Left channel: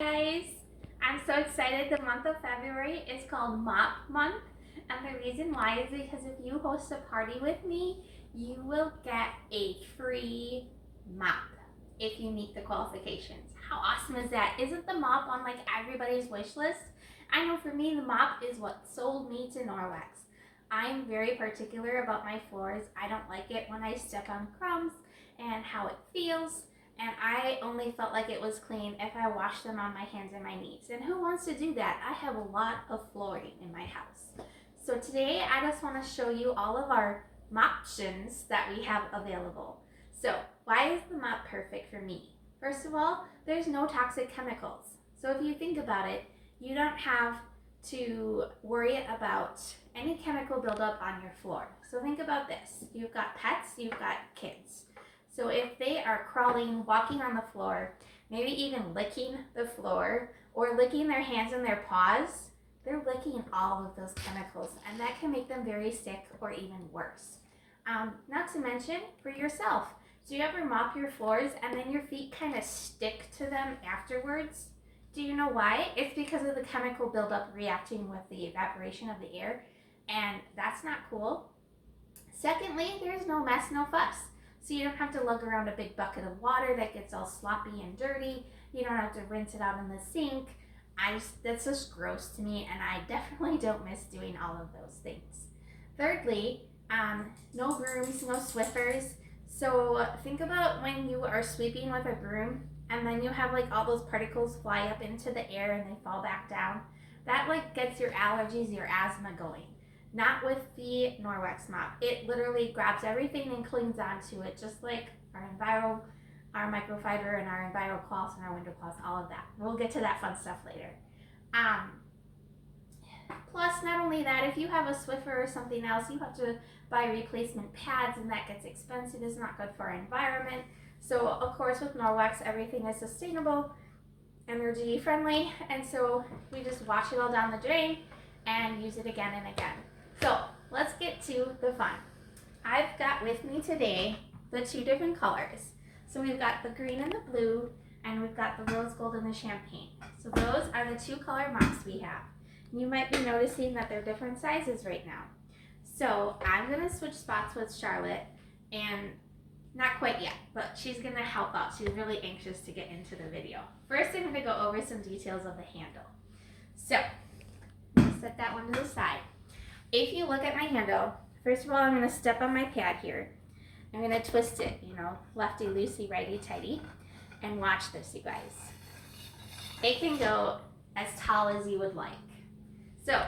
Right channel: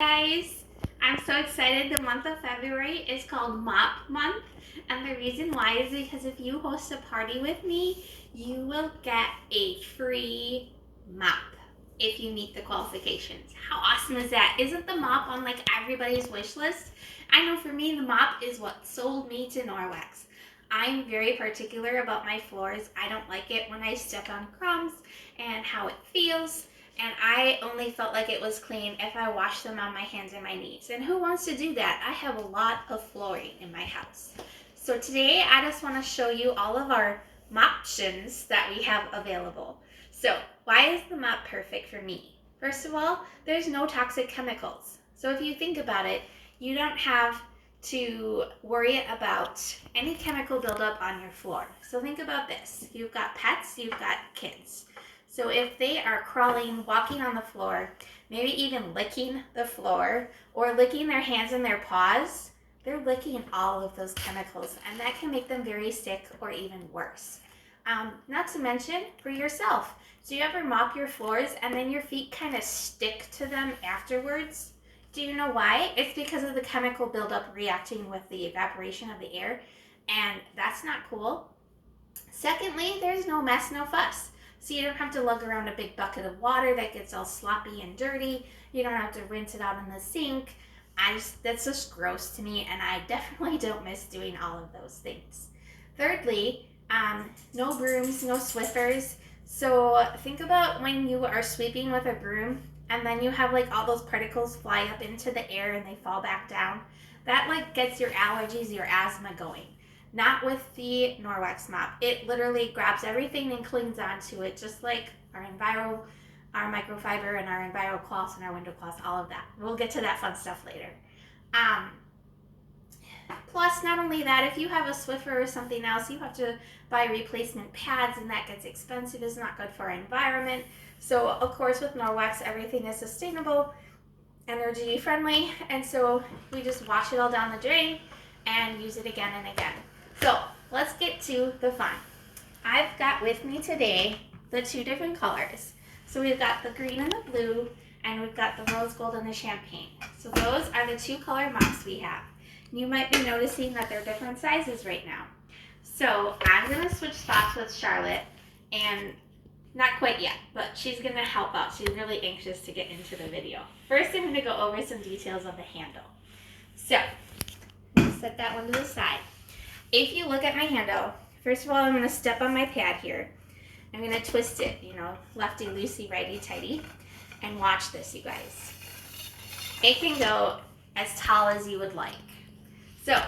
Guys, I'm so excited. The month of February is called Mop Month, and the reason why is because if you host a party with me, you will get a free mop if you meet the qualifications. How awesome is that? Isn't the mop on like everybody's wish list? I know for me, the mop is what sold me to Norwex. I'm very particular about my floors. I don't like it when I step on crumbs and how it feels. And I only felt like it was clean if I washed them on my hands and my knees. And who wants to do that? I have a lot of flooring in my house. So today I just want to show you all of our options that we have available. So why is the mop perfect for me? First of all, there's no toxic chemicals. So if you think about it, you don't have to worry about any chemical buildup on your floor. So think about this. You've got pets, you've got kids. So if they are crawling, walking on the floor, maybe even licking the floor or licking their hands and their paws, they're licking all of those chemicals, and that can make them very sick or even worse. Not to mention for yourself. Do you ever mop your floors and then your feet kind of stick to them afterwards? Do you know why? It's because of the chemical buildup reacting with the evaporation of the air, and that's not cool. Secondly, there's no mess, no fuss. So you don't have to lug around a big bucket of water that gets all sloppy and dirty. You don't have to rinse it out in the sink. That's just gross to me, and I definitely don't miss doing all of those things. Thirdly, no brooms, no Swiffers. So think about when you are sweeping with a broom and then you have like all those particles fly up into the air and they fall back down. That like gets your allergies, your asthma going. Not with the Norwex mop. It literally grabs everything and clings onto it, just like our our microfiber and our EnviroCloths and our window cloths, all of that. We'll get to that fun stuff later. Plus, not only that, if you have a Swiffer or something else, you have to buy replacement pads, and that gets expensive. It's not good for our environment. So, of course, with Norwex, everything is sustainable, energy friendly, and so we just wash it all down the drain and use it again and again. So let's get to the fun. I've got with me today the two different colors. So we've got the green and the blue, and we've got the rose gold and the champagne. So those are the two color mops we have. You might be noticing that they're different sizes right now. So I'm gonna switch spots with Charlotte, and not quite yet, but she's gonna help out. She's really anxious to get into the video. First, I'm gonna go over some details of the handle. So set that one to the side. If you look at my handle, first of all, I'm going to step on my pad here. I'm going to twist it, lefty loosey, righty tighty. And watch this, you guys. It can go as tall as you would like. So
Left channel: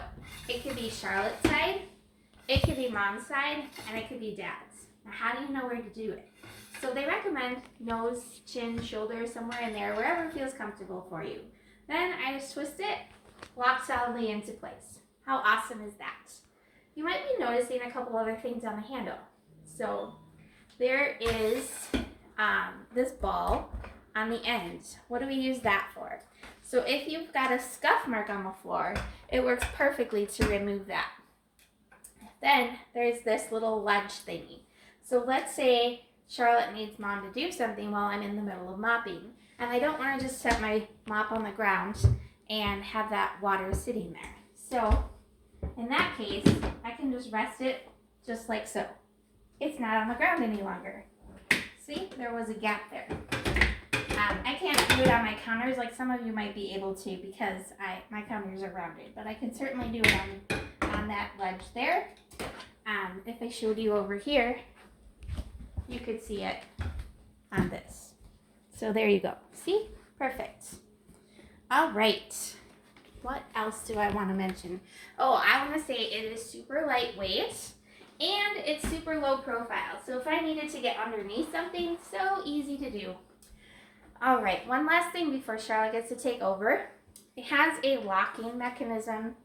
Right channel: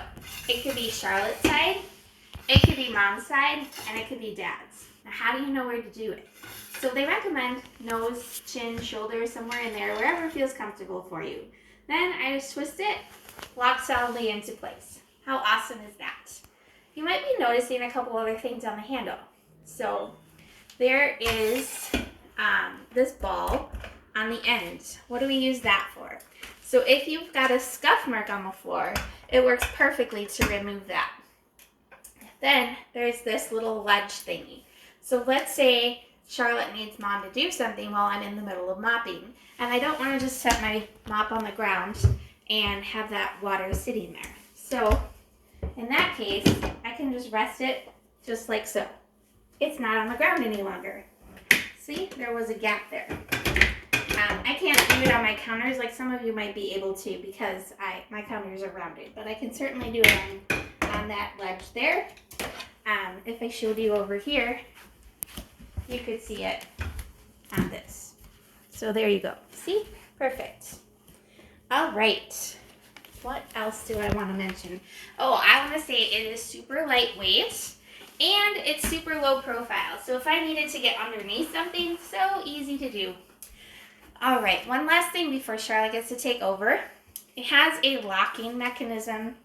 it could be Charlotte's side, it could be mom's side, and it could be dad's. Now, how do you know where to do it? So they recommend nose, chin, shoulder, somewhere in there, wherever feels comfortable for you. Then I just twist it, lock solidly into place. How awesome is that? You might be noticing a couple other things on the handle. So there is this ball on the end. What do we use that for? So if you've got a scuff mark on the floor, it works perfectly to remove that. Then there's this little ledge thingy. So let's say Charlotte needs mom to do something while I'm in the middle of mopping, and I don't want to just set my mop on the ground and have that water sitting there. So in that case, I can just rest it just like so. It's not on the ground any longer. See, there was a gap there. I can't do it on my counters like some of you might be able to because my counters are rounded, but I can certainly do it on that ledge there. If I showed you over here, you could see it on this. So there you go. See? Perfect. All right. What else do I want to mention? Oh, I want to say it is super lightweight and it's super low profile. So if I needed to get underneath something, so easy to do. All right, one last thing before Charlotte gets to take over. It has a locking mechanism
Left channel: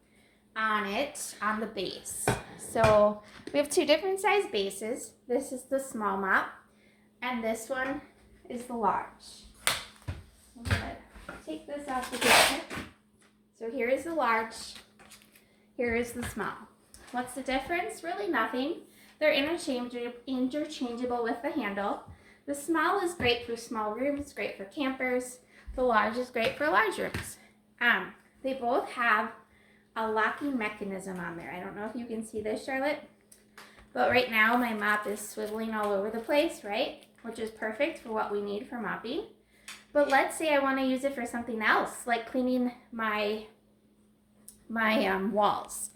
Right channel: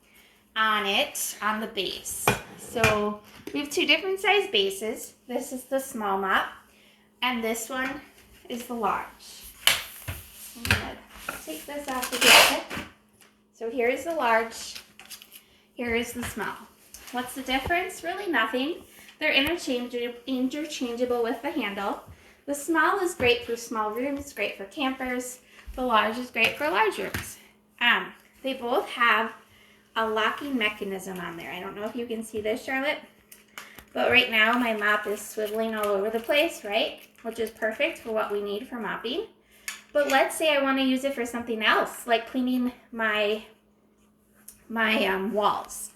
on it, on the base. So we have two different size bases. This is the small mop and this one is the large. I'm gonna take this off the table. So here is the large, here is the small. What's the difference? Really nothing. They're interchangeable with the handle. The small is great for small rooms, great for campers. The large is great for large rooms. They both have a locking mechanism on there. I don't know if you can see this, Charlotte, but right now my mop is swiveling all over the place, right? Which is perfect for what we need for mopping. But let's say I want to use it for something else, like cleaning my walls.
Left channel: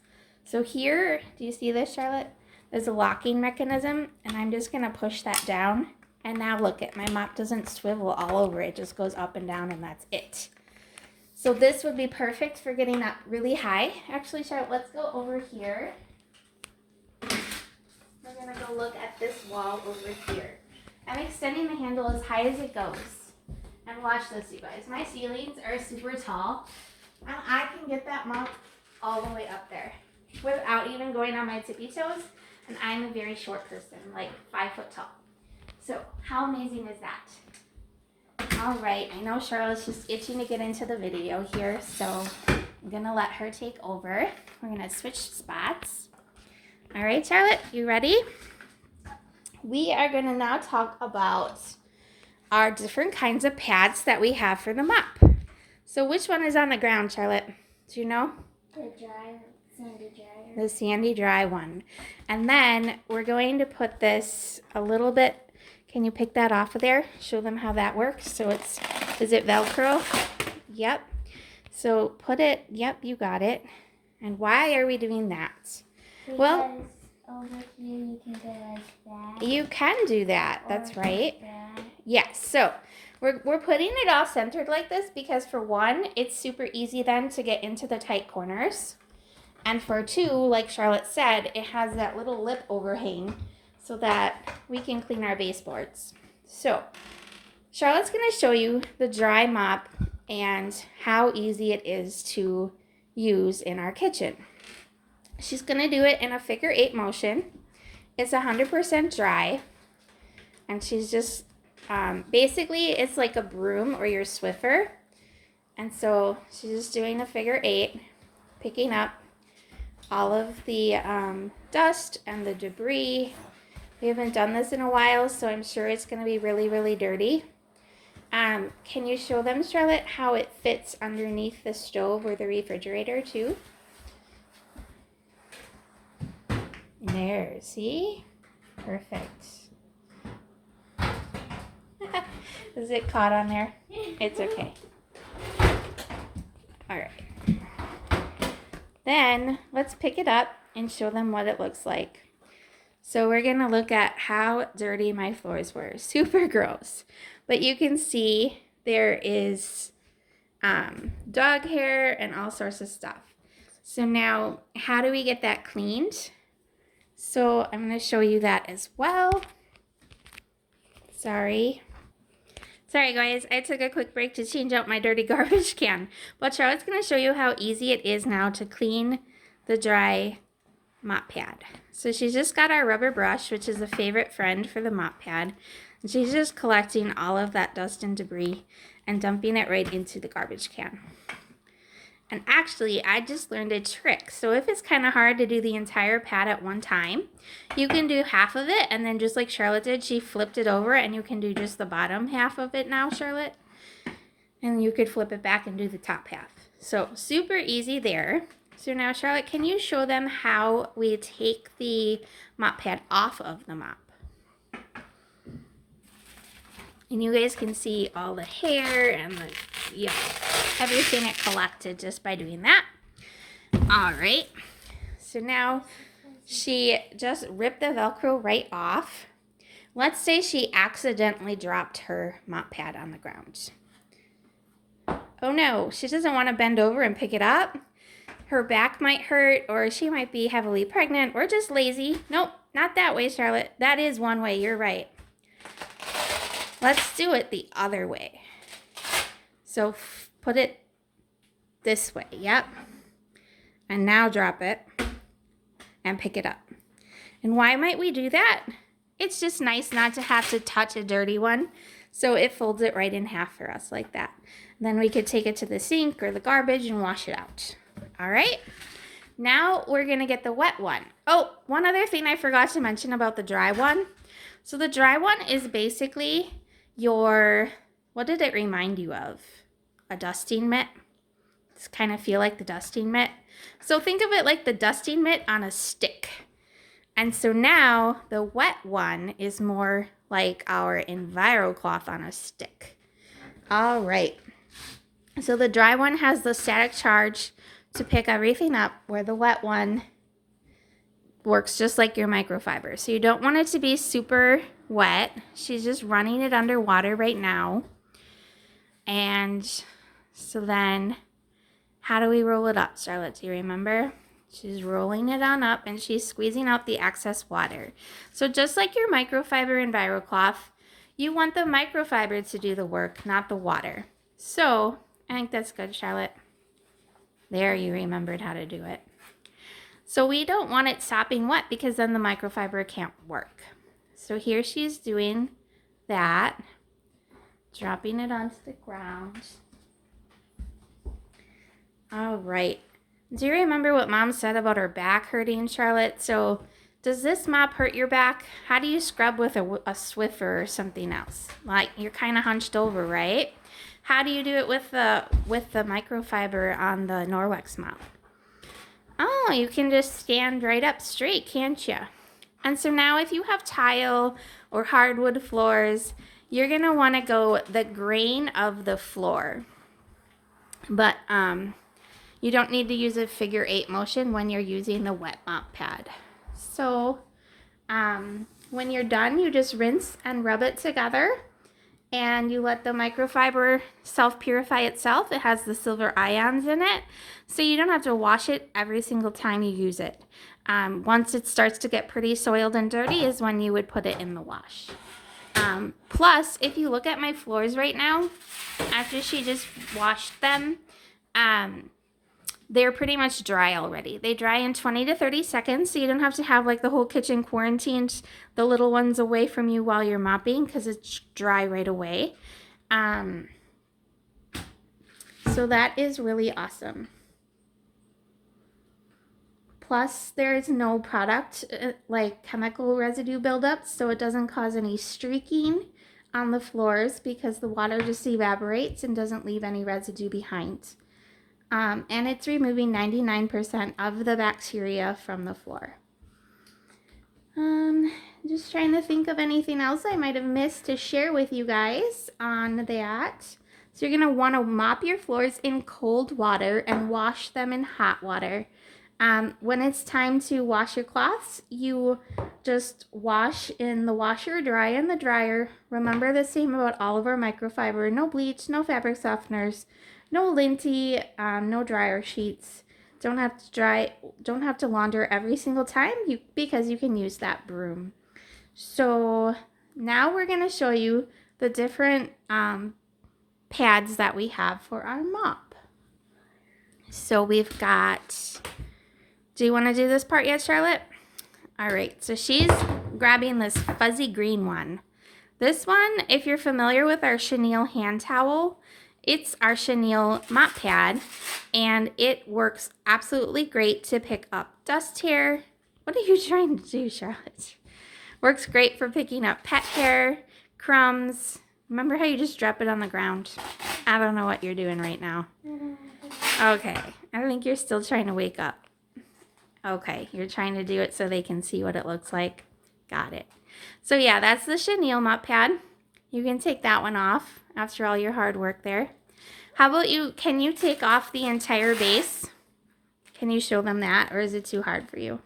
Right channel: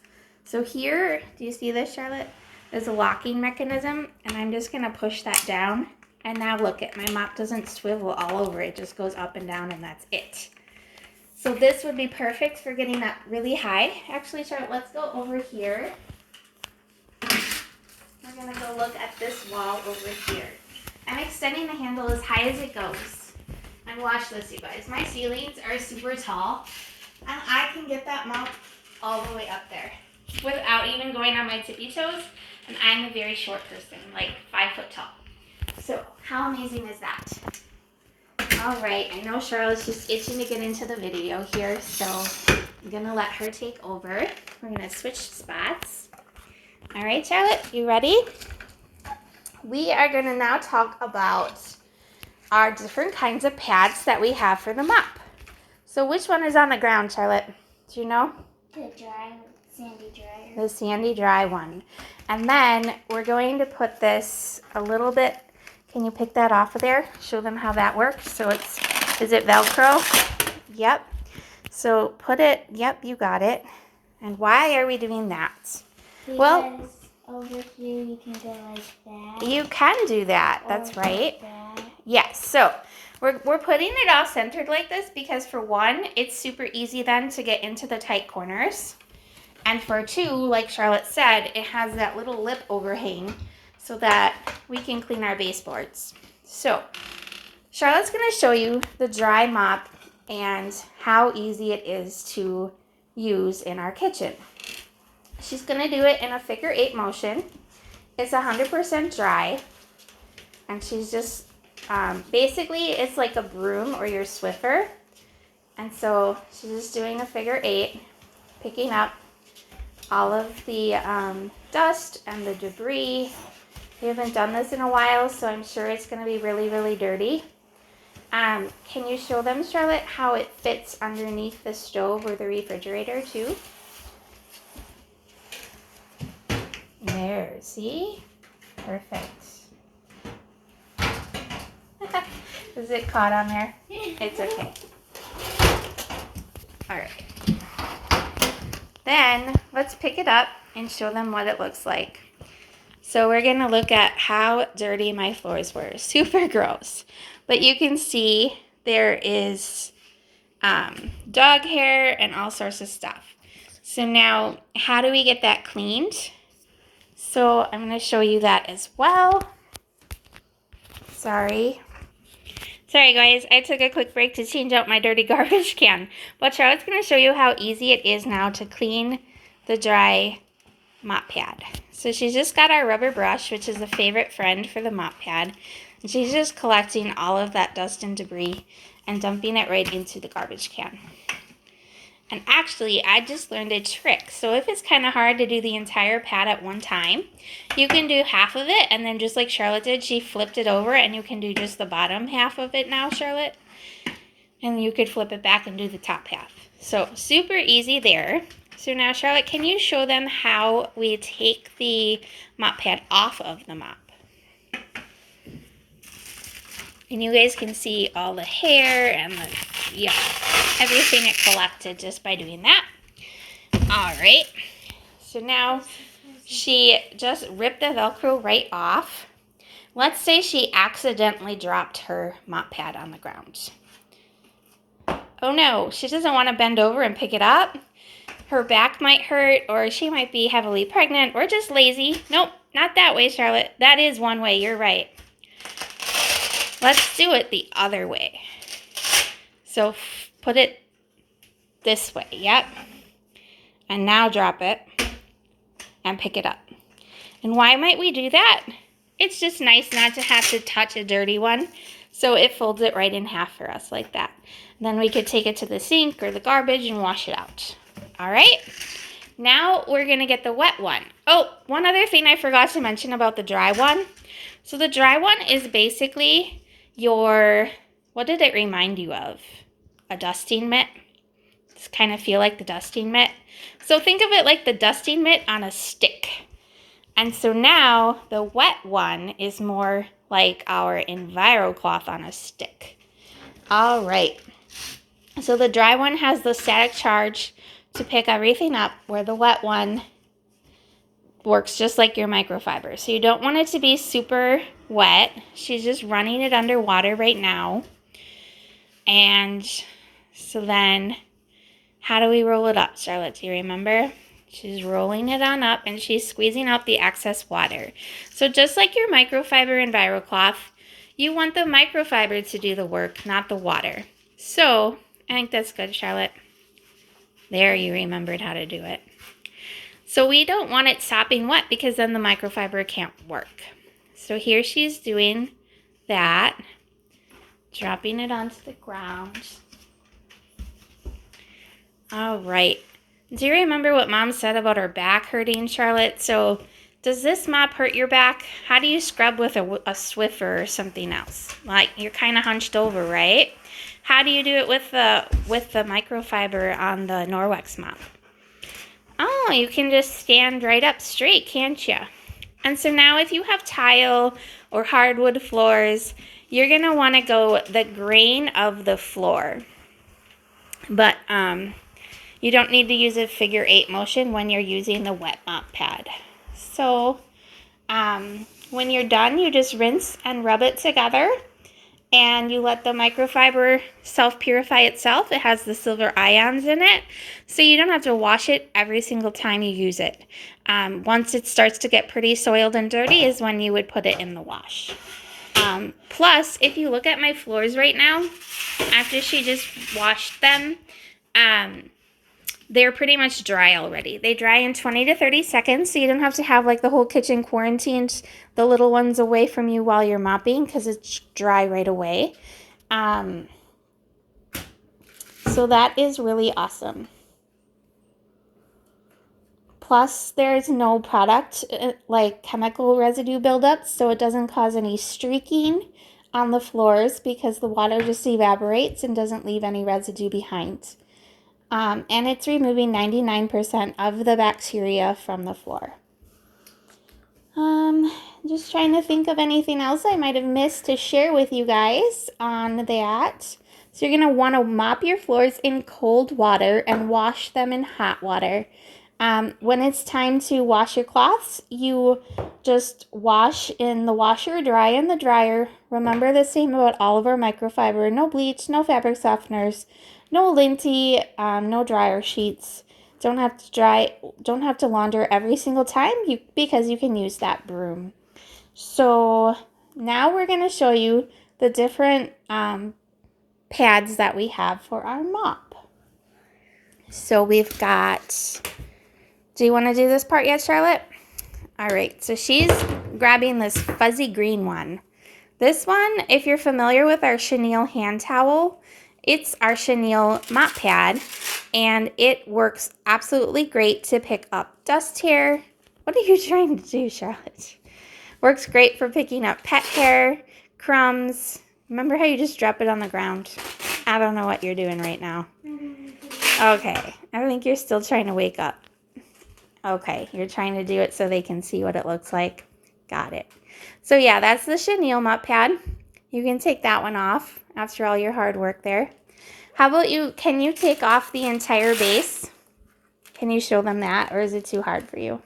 So here, do you see this, Charlotte? There's a locking mechanism, and I'm just going to push that down. And now look, my mop doesn't swivel all over. It just goes up and down, and that's it. So this would be perfect for getting up really high. Actually, Charlotte, let's go over here. We're going to go look at this wall over here. I'm extending the handle as high as it goes. And watch this, you guys. My ceilings are super tall, and I can get that mop all the way up there without even going on my tippy toes. And I'm a very short person, like 5 foot tall. So how amazing is that? All right, I know Charlotte's just itching to get into the video here, so I'm gonna let her take over. We're gonna switch spots. All right, Charlotte, you ready? We are gonna now talk about our different kinds of pads that we have for the mop. So which one is on the ground, Charlotte? Do you know? The sandy dry. The sandy dry one. And then we're going to put this a little bit. Can you pick that off of there? Show them how that works. So is it Velcro? Yep. So put it, yep, you got it. And why are we doing that? Because well, over here you can go like that. You can do that. That's right. Like that. Yes. So we're putting it all centered like this because for one, it's super easy then to get into the tight corners. And for two, like Charlotte said, it has that little lip overhang so that we can clean our baseboards. So Charlotte's going to show you the dry mop and how easy it is to use in our kitchen. She's going to do it in a figure 8 motion. It's 100% dry. And she's just, basically it's like a broom or your Swiffer. And so she's just doing a figure 8, picking up all of the dust and the debris. We haven't done this in a while, so I'm sure it's going to be really, really dirty. Can you show them, Charlotte, how it fits underneath the stove or the refrigerator too? There, see? Perfect. Is it caught on there? It's okay. All right. Then let's pick it up and show them what it looks like. So we're going to look at how dirty my floors were. Super gross. But you can see there is dog hair and all sorts of stuff. So now, how do we get that cleaned? So I'm going to show you that as well. Sorry guys, I took a quick break to change out my dirty garbage can. But Charlotte's going to show you how easy it is now to clean the dry mop pad. So she's just got our rubber brush, which is a favorite friend for the mop pad. And she's just collecting all of that dust and debris and dumping it right into the garbage can. And actually, I just learned a trick. So if it's kind of hard to do the entire pad at one time, you can do half of it, and then just like Charlotte did, she flipped it over, and you can do just the bottom half of it now, Charlotte. And you could flip it back and do the top half. So super easy there. So now, Charlotte, can you show them how we take the mop pad off of the mop? And you guys can see all the hair and the, yeah, everything it collected just by doing that. All right. So now she just ripped the Velcro right off. Let's say she accidentally dropped her mop pad on the ground. Oh no, she doesn't want to bend over and pick it up. Her back might hurt, or she might be heavily pregnant, or just lazy. Nope, not that way, Charlotte. That is one way, you're right. Let's do it the other way. So put it this way, yep. And now drop it and pick it up. And why might we do that? It's just nice not to have to touch a dirty one. So it folds it right in half for us like that. Then we could take it to the sink or the garbage and wash it out. All right. Now we're going to get the wet one. Oh, one other thing I forgot to mention about the dry one. So the dry one is basically your, what did it remind you of? a dusting mitt. Just kind of feel like the dusting mitt. So think of it like the dusting mitt on a stick. And so now the wet one is more like our EnviroCloth on a stick. All right. So the dry one has the static charge to pick everything up, where the wet one works just like your microfiber. So you don't want it to be super wet. She's just running it under water right now. And so then how do we roll it up, Charlotte? Do you remember? She's rolling it on up and she's squeezing out the excess water. So just like your microfiber EnviroCloth, you want the microfiber to do the work, not the water. So I think that's good, Charlotte. There, you remembered how to do it. So we don't want it sopping wet because then the microfiber can't work. So here she's doing that, dropping it onto the ground. All right. Do you remember what Mom said about her back hurting, Charlotte? So does this mop hurt your back? How do you scrub with a Swiffer or something else? Like you're kind of hunched over, right? How do you do it with the microfiber on the Norwex mop? Oh, you can just stand right up straight, can't you? And so now if you have tile or hardwood floors, you're going to want to go the grain of the floor. But you don't need to use a figure 8 motion when you're using the wet mop pad. So when you're done, you just rinse and rub it together. And you let the microfiber self-purify itself. It has the silver ions in it, so you don't have to wash it every single time you use it. Once it starts to get pretty soiled and dirty is when you would put it in the wash. Plus, if you look at my floors right now, after she just washed them, they're pretty much dry already. They dry in 20 to 30 seconds, so you don't have to have like the whole kitchen quarantined, the little ones away from you while you're mopping because it's dry right away. So that is really awesome. Plus, there's no product like chemical residue buildup, so it doesn't cause any streaking on the floors because the water just evaporates and doesn't leave any residue behind. And it's removing 99% of the bacteria from the floor. Just trying to think of anything else I might have missed to share with you guys on that. So you're going to want to mop your floors in cold water and wash them in hot water. When it's time to wash your cloths, you just wash in the washer, dry in the dryer. Remember the same about all of our microfiber. No bleach, no fabric softeners, no linty, no dryer sheets. Don't have to launder every single time because you can use that broom. So now we're going to show you the different pads that we have for our mop. So we've got, do you want to do this part yet, Charlotte? All right, so she's grabbing this fuzzy green one. This one, if you're familiar with our chenille hand towel, it's our chenille mop pad, and it works absolutely great to pick up dust hair. What are you trying to do, Charlotte? Works great for picking up pet hair, crumbs. Remember how you just drop it on the ground? I don't know what you're doing right now. Okay, I think you're still trying to wake up. Okay, you're trying to do it so they can see what it looks like. Got it. So yeah, that's the chenille mop pad. You can take that one off after all your hard work there. How about you, can you take off the entire base? Can you show them that, or is it too hard for you?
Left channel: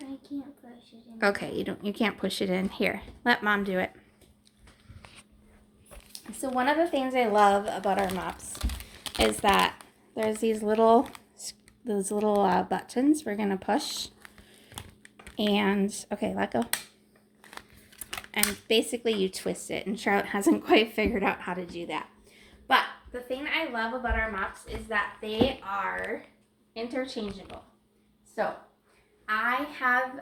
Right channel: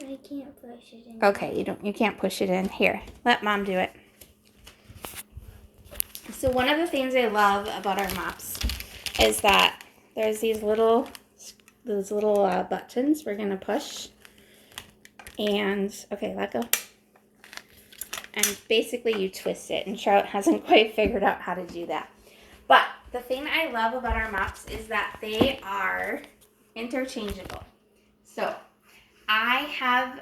I can't push it in. Okay, you can't push it in. Here, let Mom do it. So one of the things I love about our mops is that there's these little buttons we're gonna push. And okay, let go. And basically you twist it, and Charlotte hasn't quite figured out how to do that. But the thing I love about our mops is that they are interchangeable. So I have,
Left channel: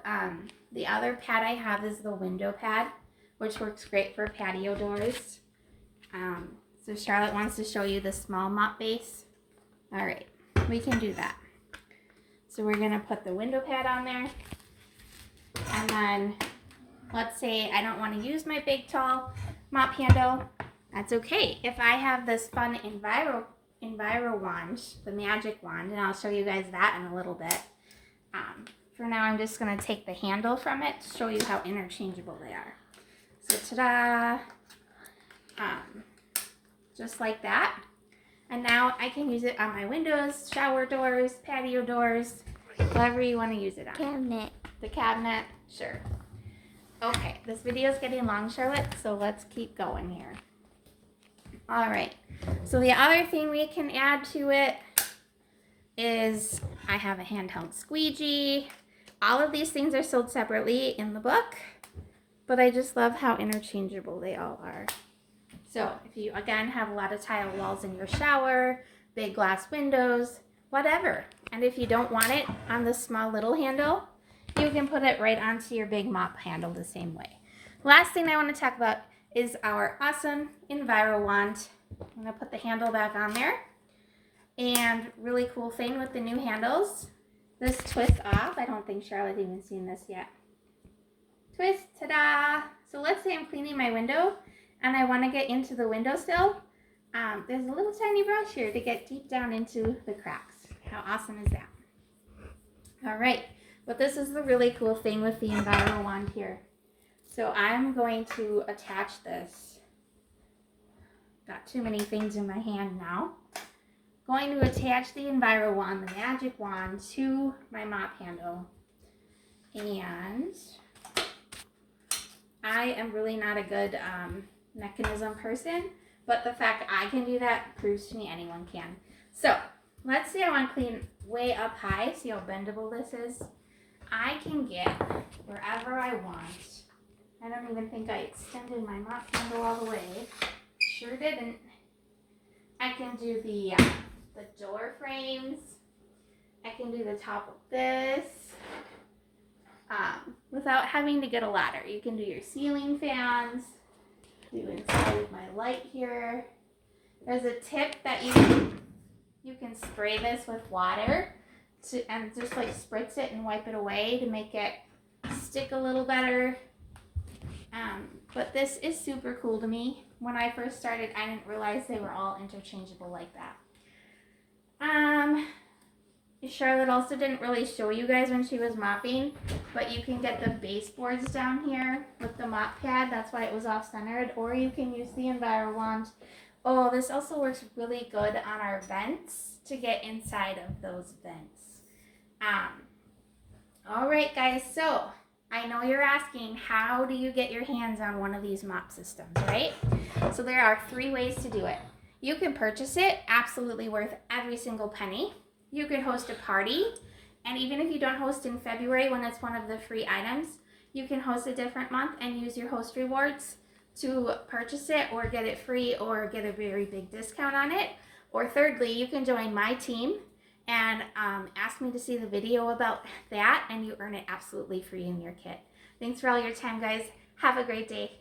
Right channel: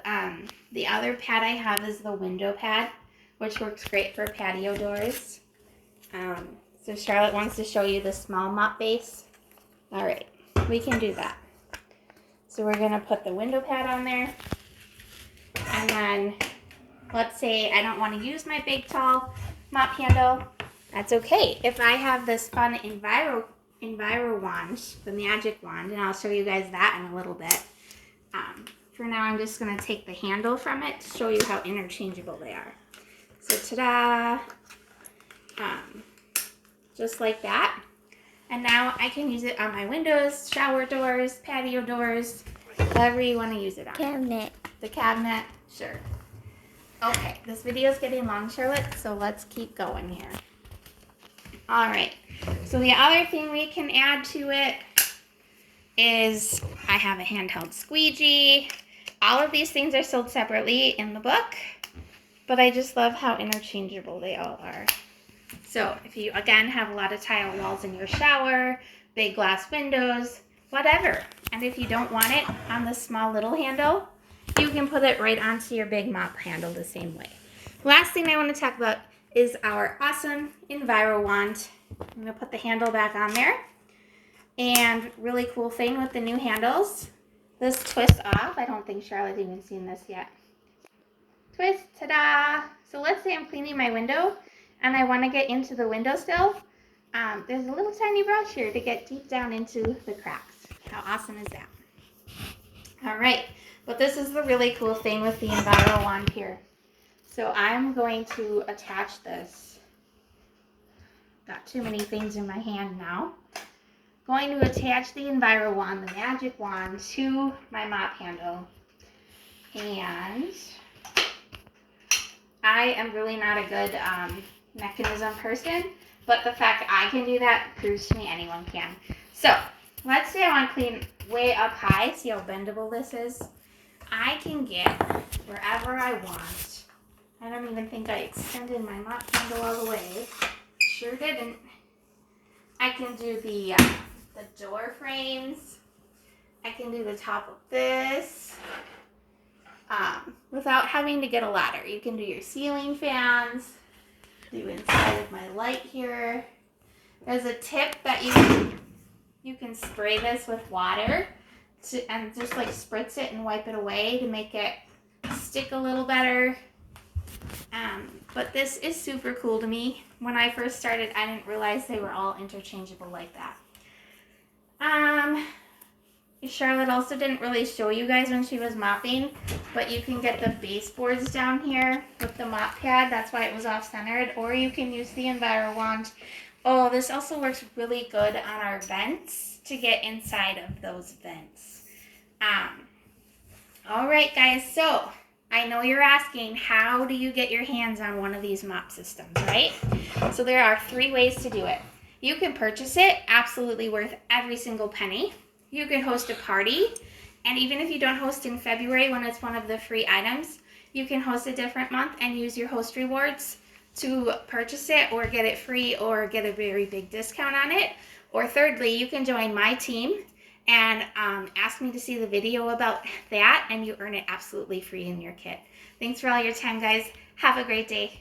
the other pad I have is the window pad, which works great for patio doors. So Charlotte wants to show you the small mop base. All right, we can do that. So we're gonna put the window pad on there, and then let's say I don't want to use my big tall mop handle. That's okay. If I have this fun Enviro wand, the magic wand, and I'll show you guys that in a little bit. For now, I'm just going to take the handle from it to show you how interchangeable they are. So, ta-da! Just like that. And now I can use it on my windows, shower doors, patio doors, whatever you want to use it on. Cabinet. The cabinet, sure. Okay, this video is getting long, Charlotte, so let's keep going here. All right, so the other thing we can add to it is I have a handheld squeegee. All of these things are sold separately in the book, but I just love how interchangeable they all are. So if you, again, have a lot of tile walls in your shower, big glass windows, whatever, and if you don't want it on the small little handle, you can put it right onto your big mop handle the same way. Last thing I want to talk about is our awesome Enviro wand. I'm going to put the handle back on there. And really cool thing with the new handles, this twists off. I don't think Charlotte's even seen this yet. Twist, ta-da! So let's say I'm cleaning my window and I want to get into the windowsill. There's a little tiny brush here to get deep down into the cracks. How awesome is that? All right, but this is the really cool thing with the Enviro wand here. So I'm going to attach this. Got too many things in my hand now. Going to attach the Enviro wand, the magic wand, to my mop handle. And I am really not a good mechanism person, but the fact I can do that proves to me anyone can. So let's say I want to clean way up high. See how bendable this is? I can get wherever I want. I don't even think I extended my mop handle all the way. Sure didn't. I can do the door frames. I can do the top of this without having to get a ladder. You can do your ceiling fans, do inside of my light here. There's a tip that you can spray this with water and just like spritz it and wipe it away to make it stick a little better. But this is super cool to me. When I first started, I didn't realize they were all interchangeable like that. Charlotte also didn't really show you guys when she was mopping, but you can get the baseboards down here with the mop pad. That's why it was off-centered, or you can use the Enviro wand. Oh, this also works really good on our vents to get inside of those vents. All right, guys, so I know you're asking, how do you get your hands on one of these mop systems, right? So there are 3 ways to do it. You can purchase it, absolutely worth every single penny. You can host a party, and even if you don't host in February when it's one of the free items, you can host a different month and use your host rewards to purchase it or get it free or get a very big discount on it. Or thirdly, you can join my team and ask me to see the video about that, and you earn it absolutely free in your kit. Thanks for all your time, guys. Have a great day.